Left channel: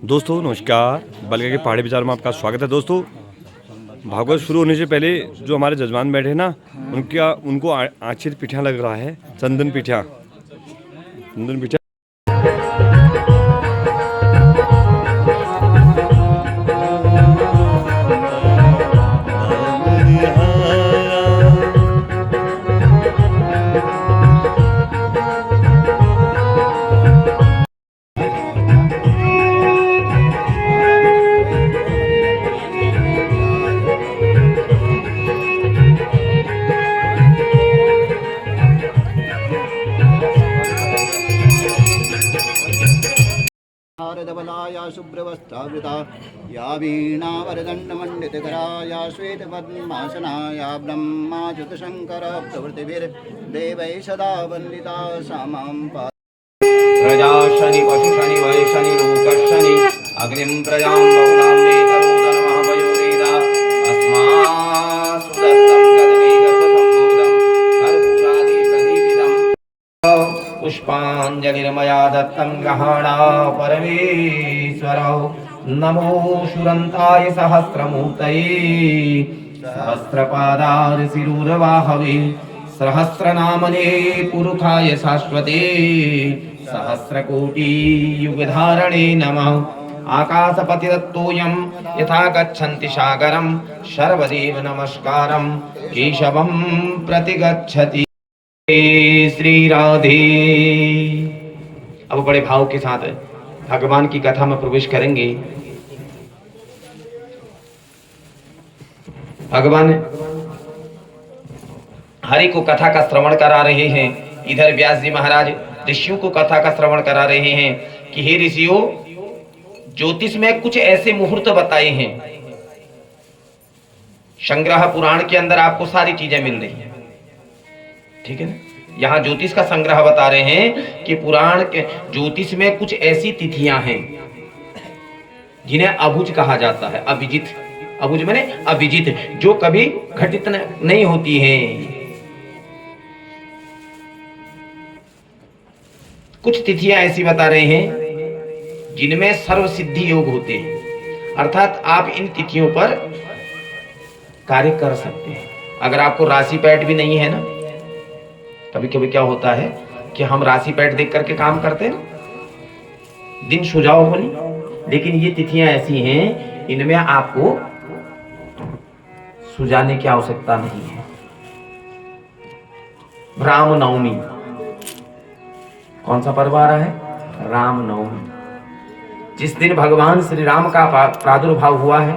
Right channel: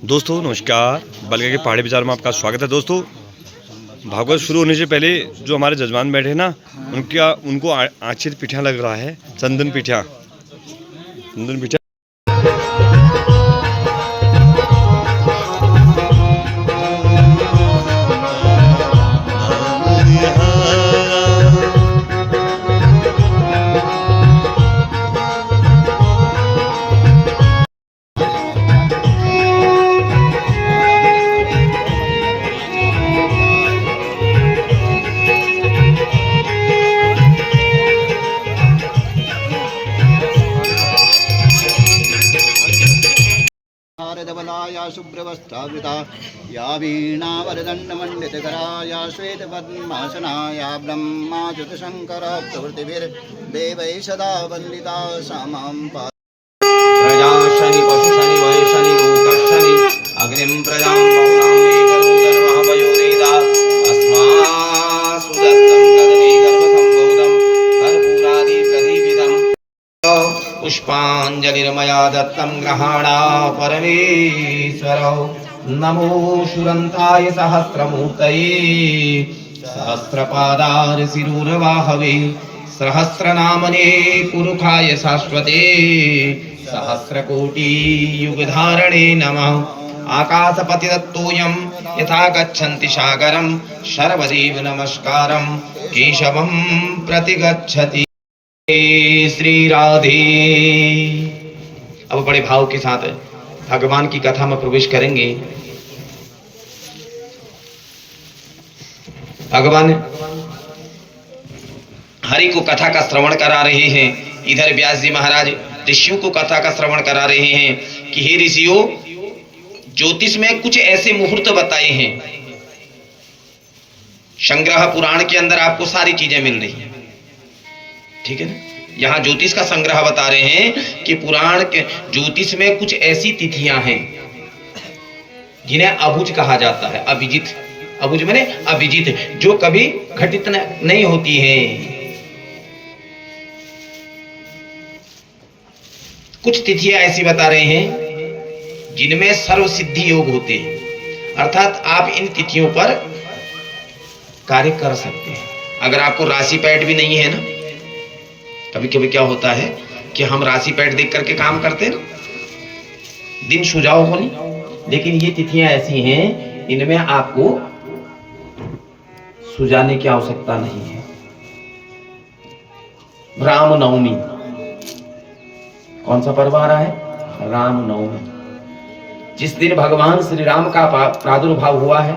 दोस्तों नमस्कार, बलगा के पहाड़ी बाजार में आपका स्वागत है। दोस्तों भागवत शुरू होने से पहले जो हमारे जजमान बैठे ना उनको आँचीर पिठा लग रहा है, चंदन पिठा। धवलाया शुभ्रवस्त्रावृता या वीणावरदण्डमण्डितकराया श्वेतपद्मासनाया ब्रह्माच्युतशङ्कर प्रभृतिभिर्देवैः सदा वन्दिता सा मां प्रजा शनि पशु शनि वय शनि लोकशनि अग्निं प्रजां बहुनां मे करोदनमः वयोनेदा अस्मासु दत्तं गदने गर्भसम्भूतं कर्पूरादि प्रदीपितम् पुष्पाञ्जलिर्मया दत्तं ग्रहाणा परमेश्वर नमो शुरन्ताय सहस्रमूर्तये सहस्रपादारशिरूरवाहवे सहस्रनामने पुरुषाय शाश्वते सहस्रकोटि युगधारणे नमः आकाशपतिदत्तोऽयं यथा गच्छन्ति सागरं सर्वदेव नमस्कारं केशवं प्रतिगच्छति। श्री राधे। अब बड़े भाव के साथ भगवान की कथा में प्रवेश करेंगे। भगवान हरि को कथा का श्रवण करा रहे हैं। इधर व्यास जी महाराज ऋषियों को कथा का श्रवण करा रहे हैं कि हे ऋषियों, ज्योतिष में कुछ ऐसे मुहूर्त बताए हैं। संग्रह पुराण के अंदर आपको सारी चीजें मिल रही हैं, ठीक है ना। यहां ज्योतिष का संग्रह बता रहे हैं कि पुराण के ज्योतिष में कुछ ऐसी तिथियां हैं जिन्हें अभुज कहा जाता है। अभिजित, अभुज माने अभिजित, जो कभी घटित नहीं होती हैं। कुछ तिथियां ऐसी बता रहे हैं जिनमें सर्व सिद्धि योग होते हैं, अर्थात आप इन तिथियों पर कार्य कर सकते हैं। अगर आपको राशि पैठ भी नहीं है ना, कभी कभी क्या होता है कि हम राशि पैठ देख करके काम करते हैं ना, दिन सुझाव हो नहीं, लेकिन ये तिथियां ऐसी हैं इनमें आपको सुझाने की आवश्यकता नहीं है। रामनवमी, कौन सा पर्व आ रहा है? रामनवमी, जिस दिन भगवान श्री राम का प्रादुर्भाव हुआ है,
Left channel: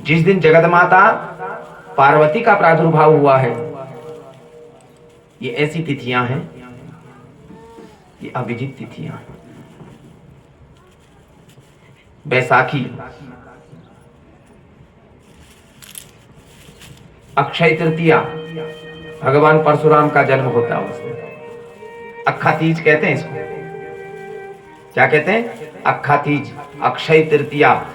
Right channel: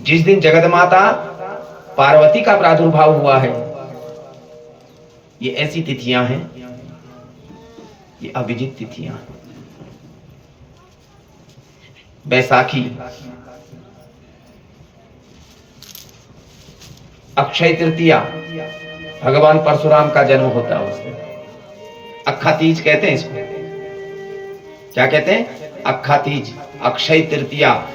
जिस दिन जगत माता पार्वती का प्रादुर्भाव हुआ है। ये ऐसी तिथियां हैं, ये अभिजित तिथियां हैं। बैसाखी, अक्षय तृतीया, भगवान परशुराम का जन्म होता है उस दिन। अक्खा तीज कहते हैं इसको। क्या कहते हैं? अक्खा तीज, अक्षय तृतीया।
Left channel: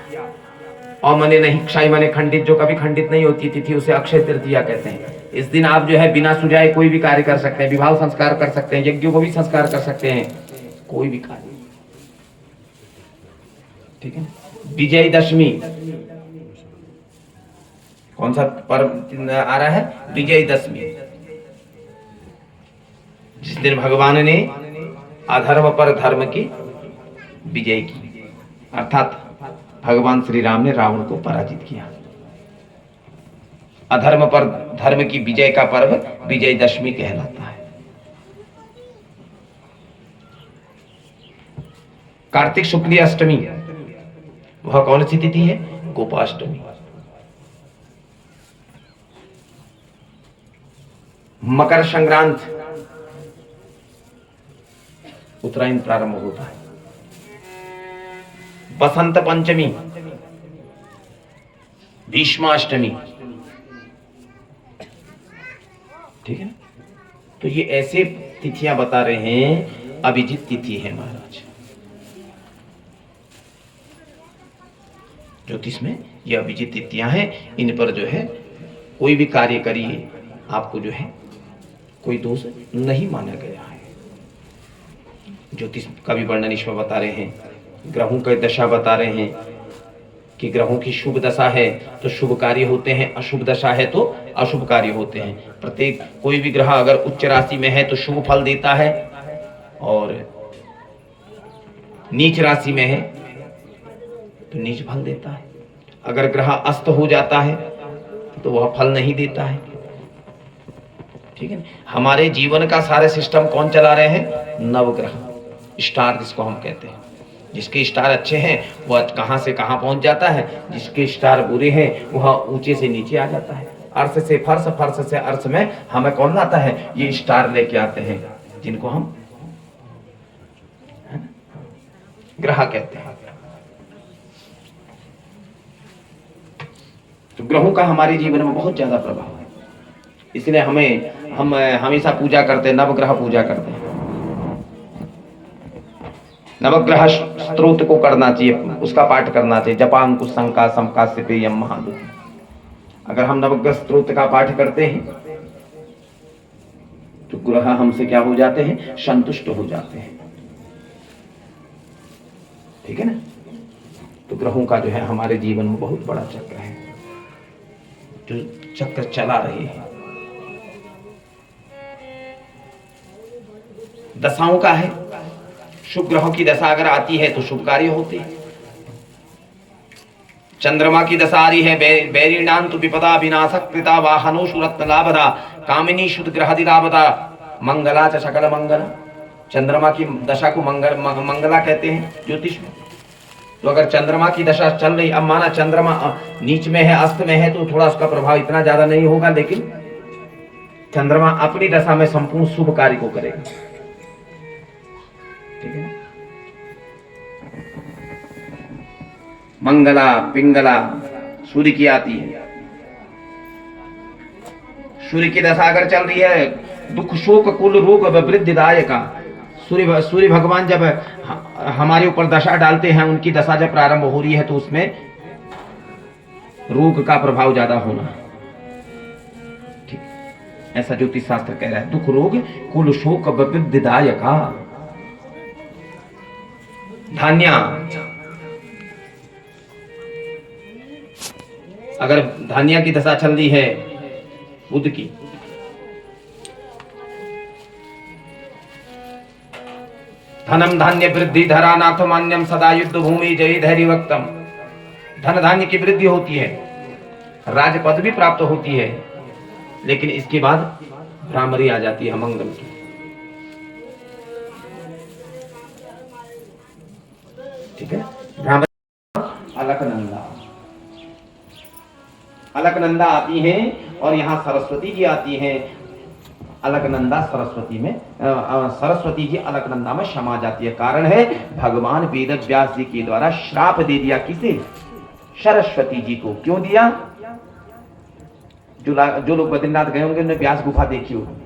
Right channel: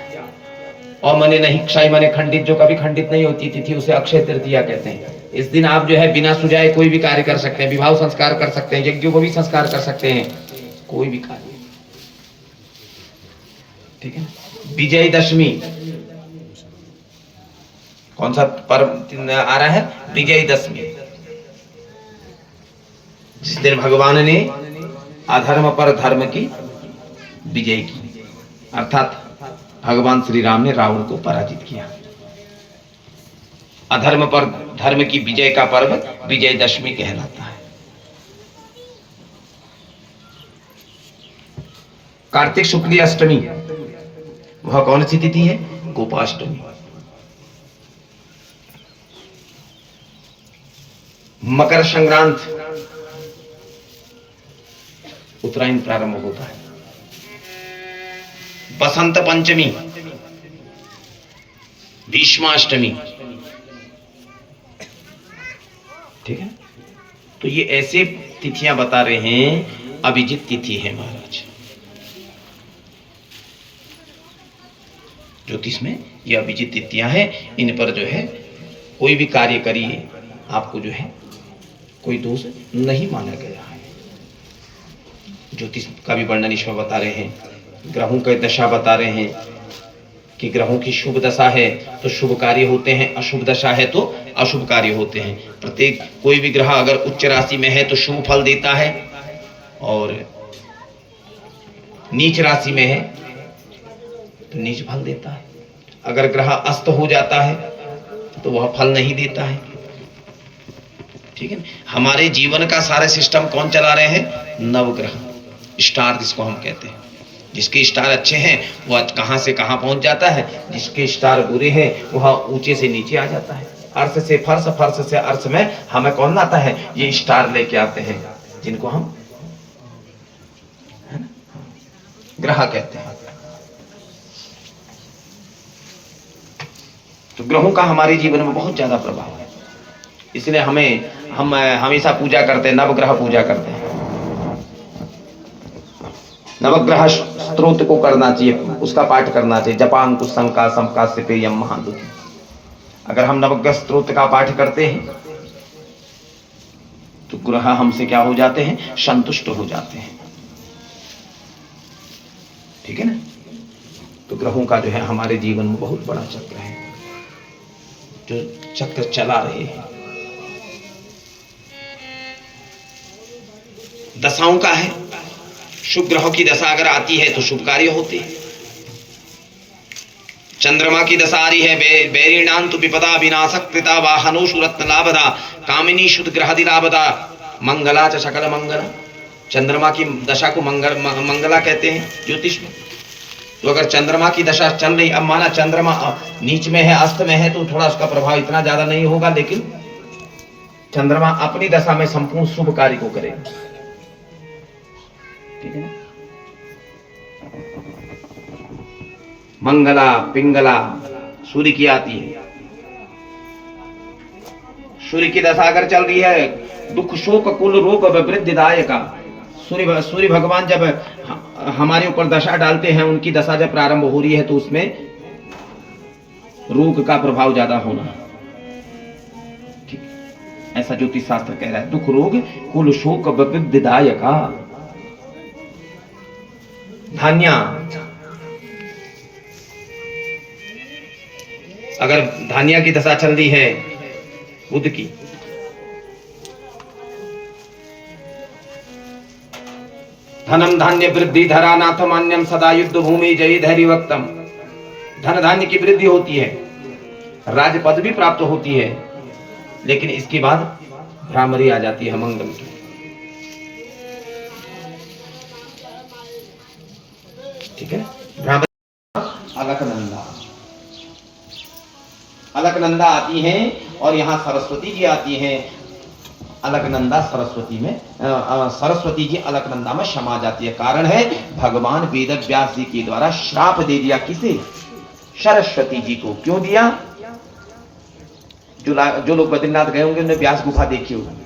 और मने नहीं, क्षय मने खंडित, जो कभी खंडित नहीं होती तिथि उसे अक्षय तृतीया कहते हैं। इस दिन आप जो है बिना सुझाए कोई भी कार्य कर सकते हैं, विवाह संस्कार कर सकते हैं, यज्ञों को भी संस्कार कर सकते हैं, कोई भी कार्य, ठीक है। विजयदशमी, कौन सा पर्व आ रहा है? विजयदशमी, जिस दिन भगवान ने अधर्म पर धर्म की विजय की, अर्थात भगवान श्री राम ने रावण को पराजित किया। अधर्म पर धर्म की विजय का पर्व विजयदशमी कहलाता है। कार्तिक शुक्ल अष्टमी, वह कौन सी तिथि है? गोपाष्टमी। मकर संक्रांत, उत्तरायण प्रारंभ होता है। बसंत पंचमी, भीष्माष्टमी, ठीक है। तो ये ऐसे तिथियां बता रहे हैं, अभिजित तिथि है महाराज। ज्योतिष में ये अभिजित तिथियां हैं, इन पर जो है कोई भी कार्य करिए, आपको जो है कोई दोष नहीं माना गया है। ज्योतिष का भी वर्णन इसमें बता रहे हैं ग्रहों की दशा बता रहे हैं कि ग्रहों की शुभ दशा है तो शुभ कार्य होते हैं, अशुभ दशा है तो अशुभ कार्य होते हैं। प्रत्येक कोई भी ग्रह अगर उच्च राशि में है तो शुभ फल देता है, और नीच राशि में है तो नीच फल देता है। अगर ग्रह अस्त हो जाता है तो वह फल नहीं देता है। ठीक है, हमारे जीवन का सारे सिस्टम कौन चला रहे हैं? नवग्रह, स्टार जिसको हम कहते हैं। जिसके स्टार अच्छे हैं वह कहां से कहां पहुंच जाता है, जिसके स्टार बुरे हैं वह ऊंचे से नीचे आ जाता है। अर्श से फर्श, फर्श से अर्श में हमें कौन लाता है? ये स्टार लेके आते हैं, जिनको हम ग्रह कहते हैं। तो ग्रहों का हमारे जीवन में बहुत ज्यादा प्रभाव है, इसलिए हम हमेशा पूजा करते हैं, नवग्रह पूजा करते हैं। नवग्रह स्तोत्र को करना चाहिए, उसका पाठ करना चाहिए। जपांकुश शंका समका सिपेयम महादुख। अगर हम नवग्रह स्तोत्र का पाठ करते हैं तो ग्रह हमसे क्या हो जाते हैं? संतुष्ट हो जाते हैं। ठीक है ना? तो ग्रहों का जो है हमारे जीवन में बहुत बड़ा चक्र है, जो चक्र चला रहे हैं। दशाओं का है, शुभ ग्रहों की दशा अगर आती है तो शुभ कार्य होते हैं। चंद्रमा की दशा आ रही है, बैरीणां तु विपदा विनाशक कृता वाहनो सुरत्न लाभदा कामिनी शुद्ध ग्रहदि लाभदा मंगला च सकल मंगल। चंद्रमा की दशा को मंगला कहते हैं ज्योतिष में। तो अगर चंद्रमा की दशा चल रही, अब माना चंद्रमा नीच में है, अस्त में है, तो थोड़ा उसका प्रभाव इतना ज्यादा नहीं होगा, लेकिन चंद्रमा अपनी दशा में संपूर्ण शुभ कार्य को करेगा। ठीक है ना? मंगला पिंगला सूर्य की आती है। सूर्य की दशा अगर चल रही है, दुख शोक कुल रोग वृद्धिदायका। सूर्य भगवान जब हमारे ऊपर दशा डालते हैं, उनकी दशा जब प्रारंभ हो रही है तो उसमें रोग का प्रभाव ज्यादा होना। ठीक, ऐसा ज्योतिष शास्त्र कह रहा है। दुख रोग कुल शोक वृद्धिदायका। धान्या, अगर धान्या की दशा चल रही है बुध की, धनम धान्य वृद्धि धरा नाथ मान्यम सदा युद्ध भूमि जय धैर्य वक्तम। धन धान्य की वृद्धि होती है, राज पद भी प्राप्त होती है, लेकिन इसके बाद भ्रामरी आ जाती है मंगल की। ठीक है, अलकनंदा, अलकनंदा आती हैं और यहाँ सरस्वती जी आती हैं। अलकनंदा सरस्वती में, सरस्वती जी अलकनंदा में समा जाती है। कारण है भगवान वेद व्यास जी के द्वारा श्राप दे दिया। किसे? सरस्वती जी को। क्यों दिया? जो लोग बद्रीनाथ गए होंगे उन्होंने व्यास गुफा देखी होगी।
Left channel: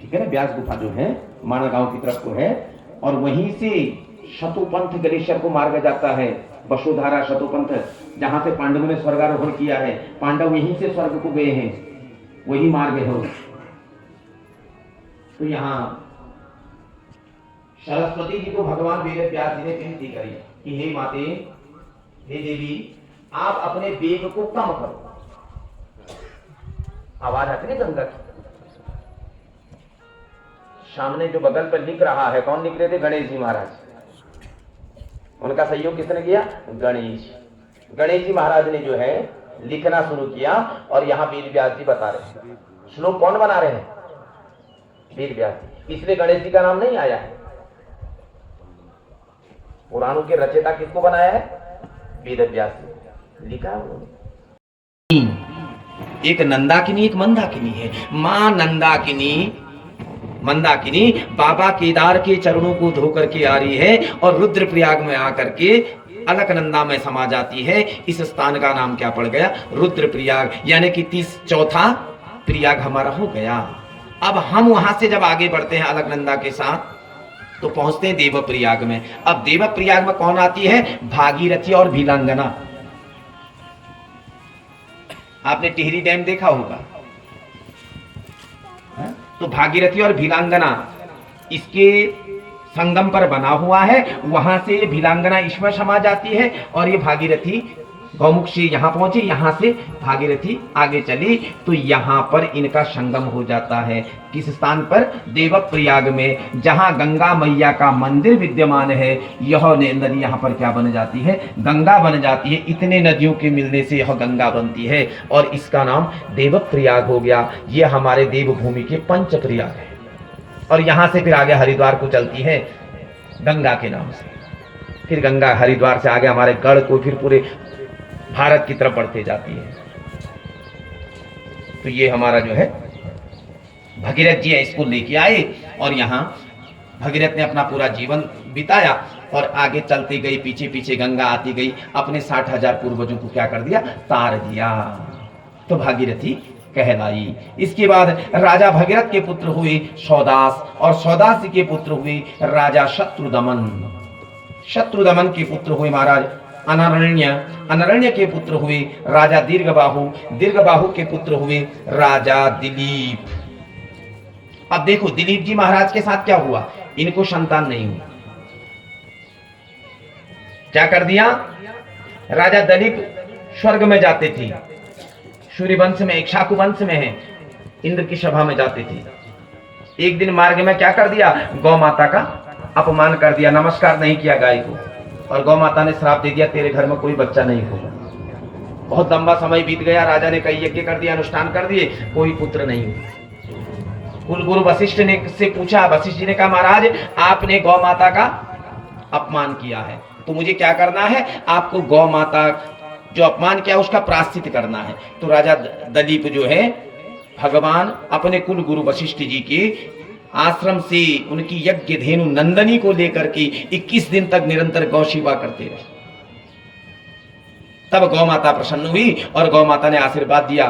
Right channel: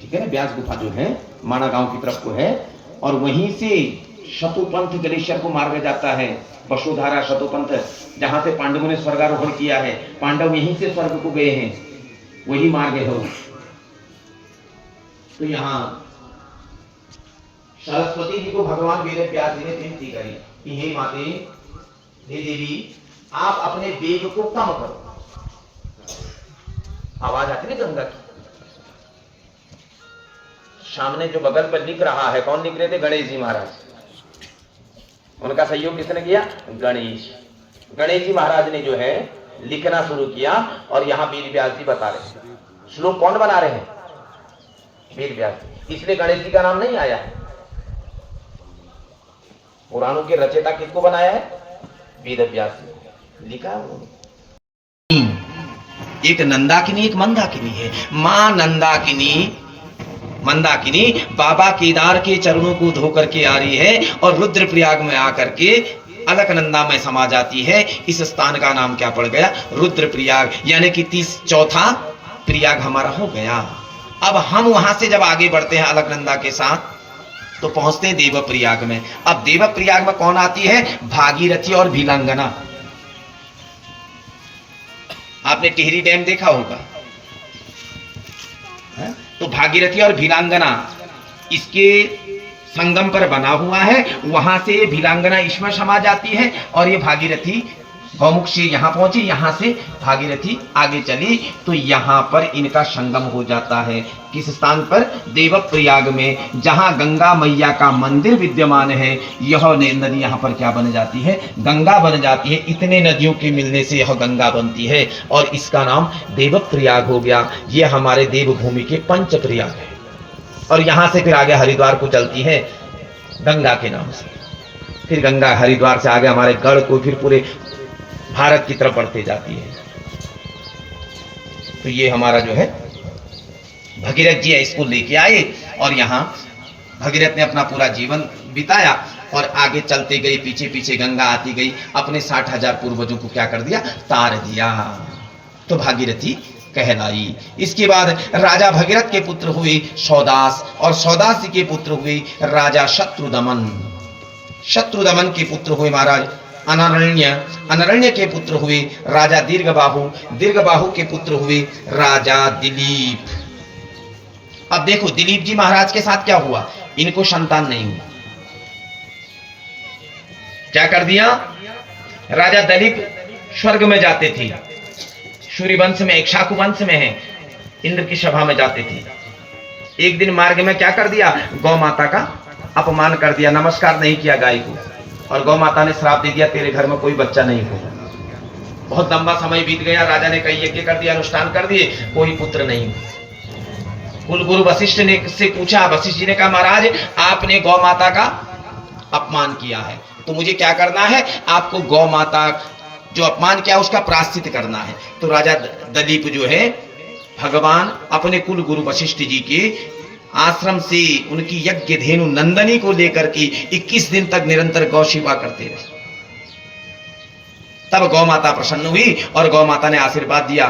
ठीक है ना? व्यास गुफा जो है माना गांव की तरफ को है, और वहीं से शतुपंथ ग्लेशियर को मार्ग जाता है। वसुधारा शतुपंथ, जहां से पांडवों ने स्वर्गारोहण किया है, पांडव यहीं से स्वर्ग को गए हैं, वही मार्ग है। तो यहाँ सरस्वती जी को भगवान वेद व्यास जी ने विनती करी कि हे माते, हे देवी, आप अपने वेग को कम करो। आवाज आती नहीं गंगा की। सामने जो बगल पर लिख रहा है, कौन लिख रहे थे? गणेश जी महाराज। उनका सहयोग किसने किया? गणेश। गणेश जी महाराज ने जो है लिखना शुरू किया, और यहाँ वेद व्यास जी बता रहे हैं। श्लोक कौन बना रहे हैं? वेद व्यास जी। इसलिए गणेश जी का नाम नहीं आया है। पुराणों के रचयिता किसको बनाया है? वेद व्यास जी को लिखा है उन्होंने। एक नंदाकिनी, एक मंदाकिनी है। मां नंदाकिनी, मंदाकिनी बाबा केदार के चरणों को धोकर के आ रही है, और रुद्रप्रयाग में आकर के अलकनंदा में समा जाती है। इस स्थान का नाम क्या पड़ गया? रुद्रप्रयाग। यानी कि 34वां प्रयाग हमारा हो गया। अब हम वहां से जब आगे बढ़ते हैं अलकनंदा के साथ, तो पहुंचते हैं देवप्रयाग में। अब देवप्रयाग में कौन आती है? भागीरथी और भीलांगना। आपने टिहरी डैम देखा होगा, तो भागीरथी और भीलांगना, इसके संगम पर बना हुआ है, वहां से भिलांगना इसमें समा जाती है और ये भागीरथी गौमुख से यहाँ पहुंची, यहाँ से भागीरथी आगे चली तो यहाँ पर इनका संगम हो जाता है। किस स्थान पर? देवप्रयाग में, जहाँ गंगा मैया का मंदिर विद्यमान है। यह नदी यहाँ पर क्या बन जाती है? गंगा बन जाती है। इतने नदियों के मिलने से यह गंगा बनती है और इसका नाम देवप्रयाग हो गया। यह हमारे देवभूमि के पंचप्रयाग है और यहाँ से फिर आगे हरिद्वार को चलती है गंगा के नाम से। फिर गंगा हरिद्वार से आगे हमारे गढ़ को फिर पूरे भारत की तरफ बढ़ते जाती है। तो ये हमारा जो है भगीरथ जी है, इसको लेके आए और यहाँ भगीरथ ने अपना पूरा जीवन बिताया और आगे चलते गई, पीछे पीछे गंगा आती गई, अपने 60,000 पूर्वजों को क्या कर दिया? तार दिया। तो भागीरथी कहलाई। इसके बाद राजा भगीरथ के पुत्र हुए सौदास और सौदास के पुत्र हुए राजा शत्रुदमन। शत्रुदमन के पुत्र हुए महाराज अनरण्य। अनरण्य के पुत्र हुए राजा दीर्घबाहु। दीर्घबाहु के पुत्र हुए राजा दिलीप। अब देखो दिलीप जी महाराज के साथ क्या हुआ? इनको संतान नहीं हुई। क्या कर दिया? राजा दिलीप स्वर्ग में जाते थे, सूर्यवंश में, इक्ष्वाकु वंश में है, इंद्र की सभा में जाते थे। एक दिन मार्ग में क्या कर दिया? गौ माता का अपमान कर दिया, नमस्कार नहीं किया गाय को और गौ माता ने श्राप दे दिया, तेरे घर में कोई बच्चा नहीं होगा। बहुत लंबा समय बीत गया, राजा ने कई यज्ञ कर दिया, अनुष्ठान कर दिए, कोई पुत्र नहीं हुआ। कुलगुरु वशिष्ठ ने से पूछा, वशिष्ठ जी ने कहा महाराज आपने गौ माता का अपमान किया है, तो मुझे क्या करना है? आपको गौ माता जो अपमान किया उसका प्रायश्चित करना है। तो राजा दिलीप जो है भगवान अपने कुल गुरु वशिष्ठ जी के आश्रम से उनकी यज्ञ धेनु नंदनी को लेकर के 21 दिन तक निरंतर गौ सेवा करते रहे। तब गौ माता प्रसन्न हुई और गौ माता ने आशीर्वाद दिया,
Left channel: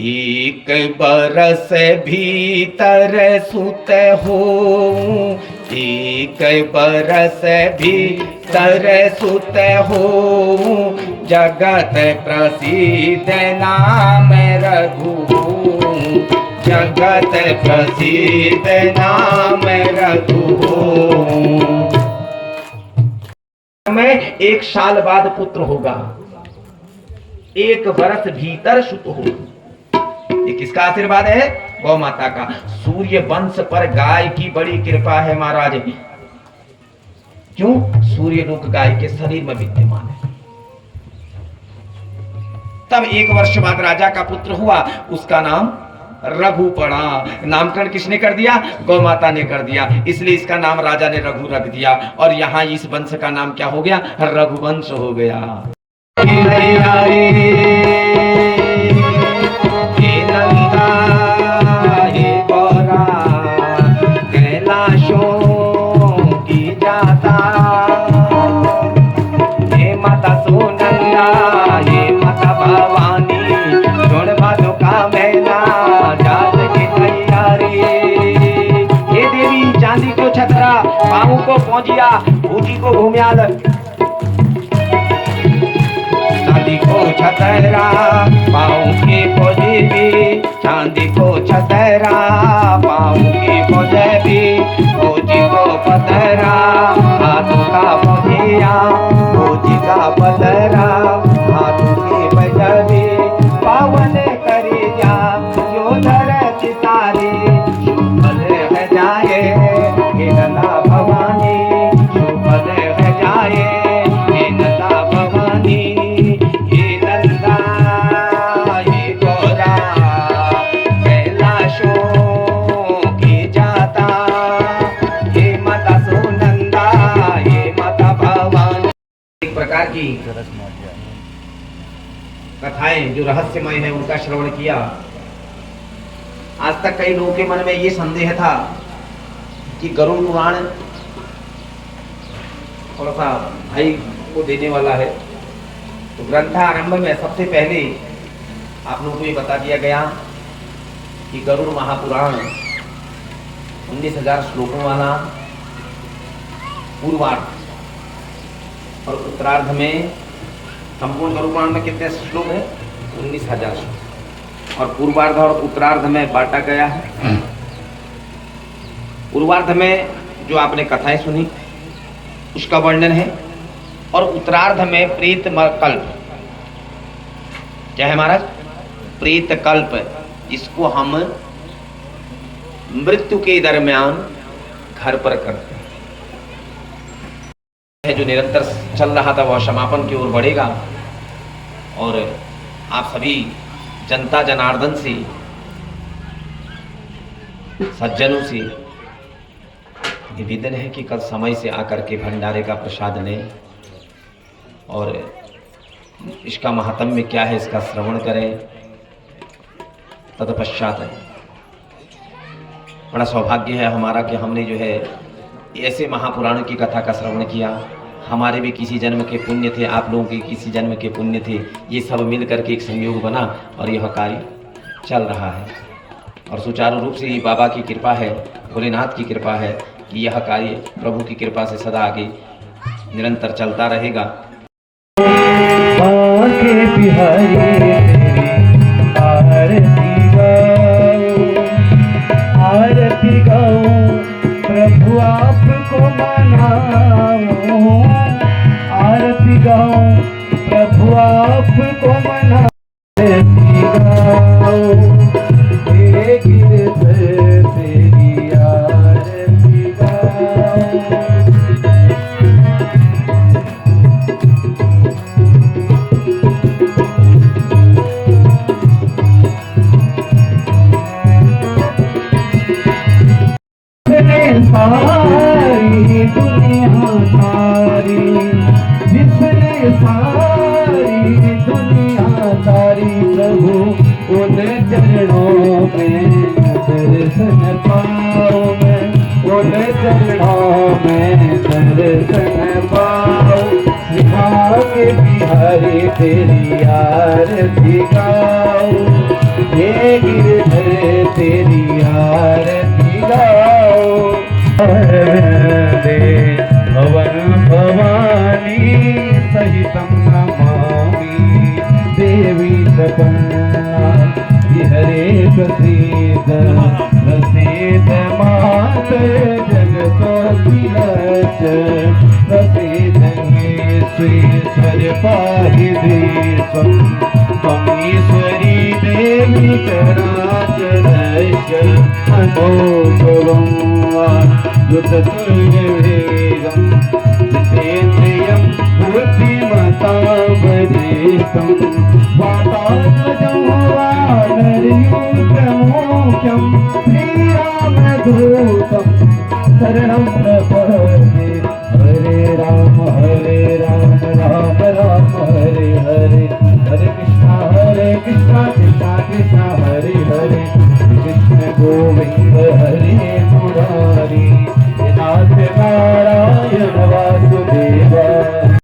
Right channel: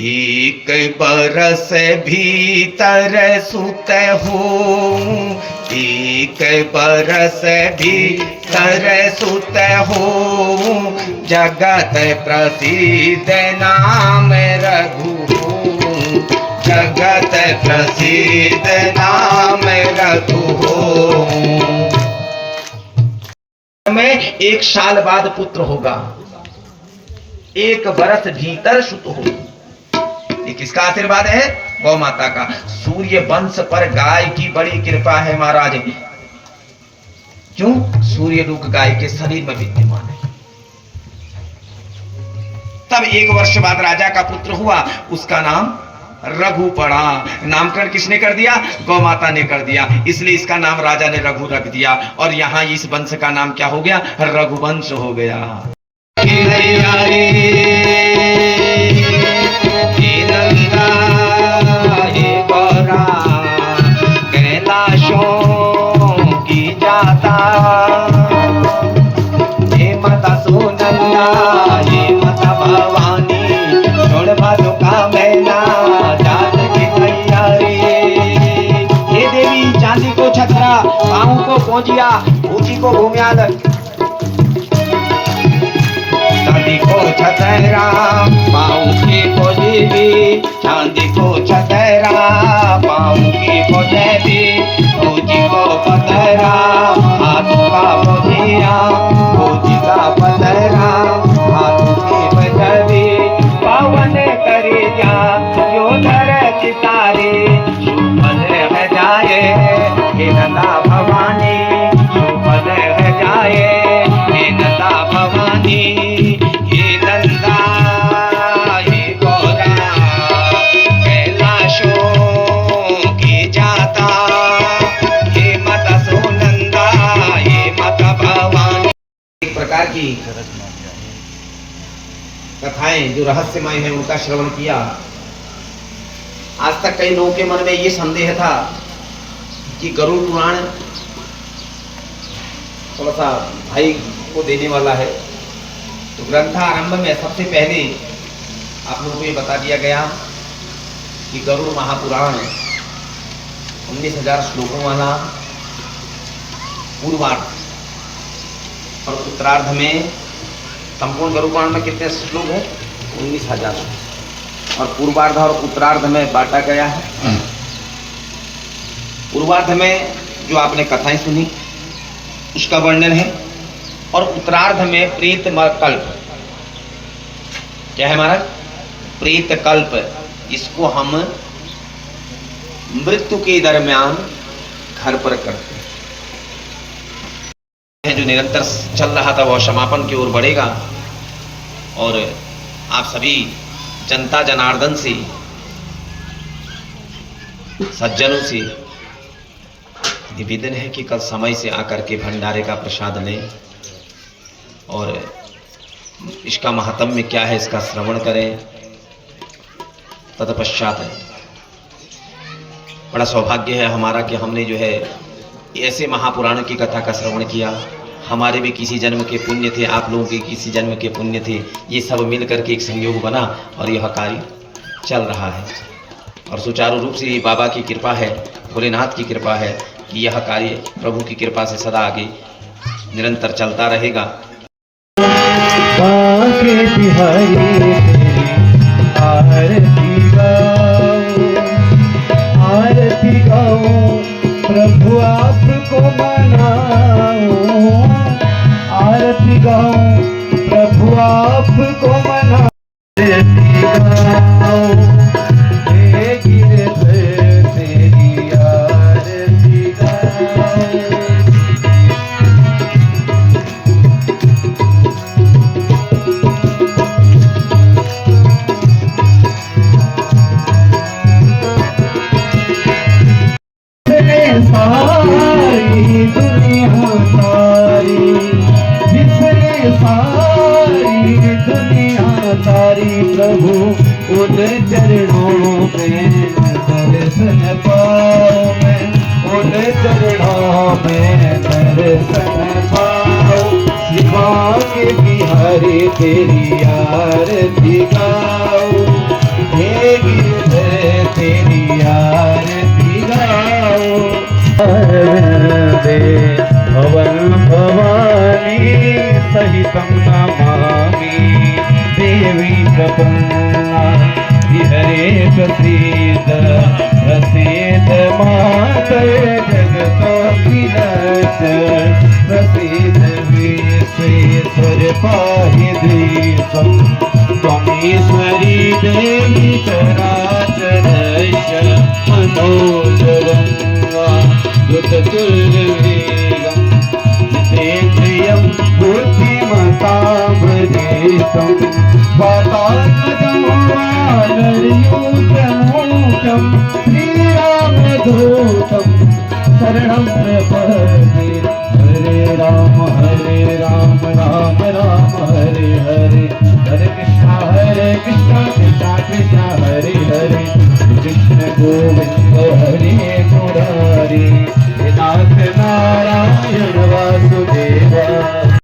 एक बरस भीतर सुत हो, एक बरस भीतर सुत हो, जगत प्रसिद्ध नाम रघु, जगत प्रसिद्ध नाम रघु। में 1 साल बाद पुत्र होगा, 1 बरस भीतर सुत हो। ये किसका आशीर्वाद है? गौ माता का। सूर्य वंश पर गाय की बड़ी कृपा है महाराज। क्यों? सूर्य लोक गाय के शरीर में विद्यमान है। तब 1 वर्ष बाद राजा का पुत्र हुआ, उसका नाम रघु पड़ा। नामकरण किसने कर दिया? गौ माता ने कर दिया, इसलिए इसका नाम राजा ने रघु रख दिया और यहाँ इस वंश का नाम क्या हो गया? रघुवंश हो गया। चांदी को छतरा पाऊ की पोजीबी, चांदी को छतरा पाऊ की पोजीबी, फौजी को पतरा हाथ का बधिया, फौजी का पतरा हाथ की बजबी, पावन करे जा जो धरत तारे, सुपद है जाए हे नंदा भवानी, सुपद है जाए हे नंदा भवानी, हे नंदा हे गौरा कैलाशों की जाता, हे माता सोनंदा हे माता भवानी। एक प्रकार की कथाएं जो रहस्यमय है उनका श्रवण किया। आज तक कई लोगों के मन में ये संदेह था कि गरुड़ पुराण थोड़ा सा भाई को देने वाला है, तो ग्रंथारंभ में सबसे पहले आप लोगों को ये बता दिया गया कि गरुड़ महापुराण 19,000 श्लोकों वाला पूर्वार्ध और उत्तरार्ध में, संपूर्ण गरुड़ पुराण में कितने श्लोक है? 19,000 श्लोक, और पूर्वार्ध और उत्तरार्ध में बांटा गया है। पूर्वार्ध में जो आपने कथाएं सुनी उसका वर्णन है। और उत्तरार्ध में प्रेत कल्प, क्या है महाराज? प्रेत कल्प। इसको हम मृत्यु के दरमियान घर पर करते हैं। जो निरंतर चल रहा था वह समापन की ओर बढ़ेगा। और आप सभी जनता जनार्दन से, सज्जनों से निवेदन है कि कल समय से आकर के भंडारे का प्रसाद लें और इसका महात्म्य क्या है इसका श्रवण करें। तत्पश्चात बड़ा सौभाग्य है हमारा कि हमने जो है ऐसे महापुराणों की कथा का श्रवण किया। हमारे भी किसी जन्म के पुण्य थे, आप लोगों के किसी जन्म के पुण्य थे। ये सब मिल करके एक संयोग बना और यह कार्य चल रहा है। और सुचारू रूप से ये बाबा की कृपा है, भोलेनाथ की कृपा है कि यह कार्य प्रभु की कृपा से सदा आगे निरंतर चलता रहेगा। आरती गाओ प्रभु आपको मनाओ, आरती गाओ प्रभु आपको मनाओ, आरती गाओ हे गिरधर तेरी आरती गाओ। सारी दुनिया तारी, जिसने सारी दुनिया तारी, प्रभु उन चरणों में दर्शन पाओ, मैं उन चरणों में दर्शन पाओ। शिवा के बिहारी तेरी आरती गाओ, हे गिरधर तेरी आरती गाओ। भवन भवानी सहितं नमामि, देवी प्रपन्ना हरे प्रसीद, प्रसीद माते जगतोऽखिलस्य, प्रसीद विश्वेश्वर पाहि देशं, त्वमीश्वरी देवी चराचरस्य, मनोजवं युततुर्वेगं, जितेन्द्रियं बुद्धिमतां वरिष्ठं, वातात्मजं वानरयूथ्यमूर्तं, श्रीरामदूतं शरणं प्रपद्ये। हरे राम राम राम हरे हरे,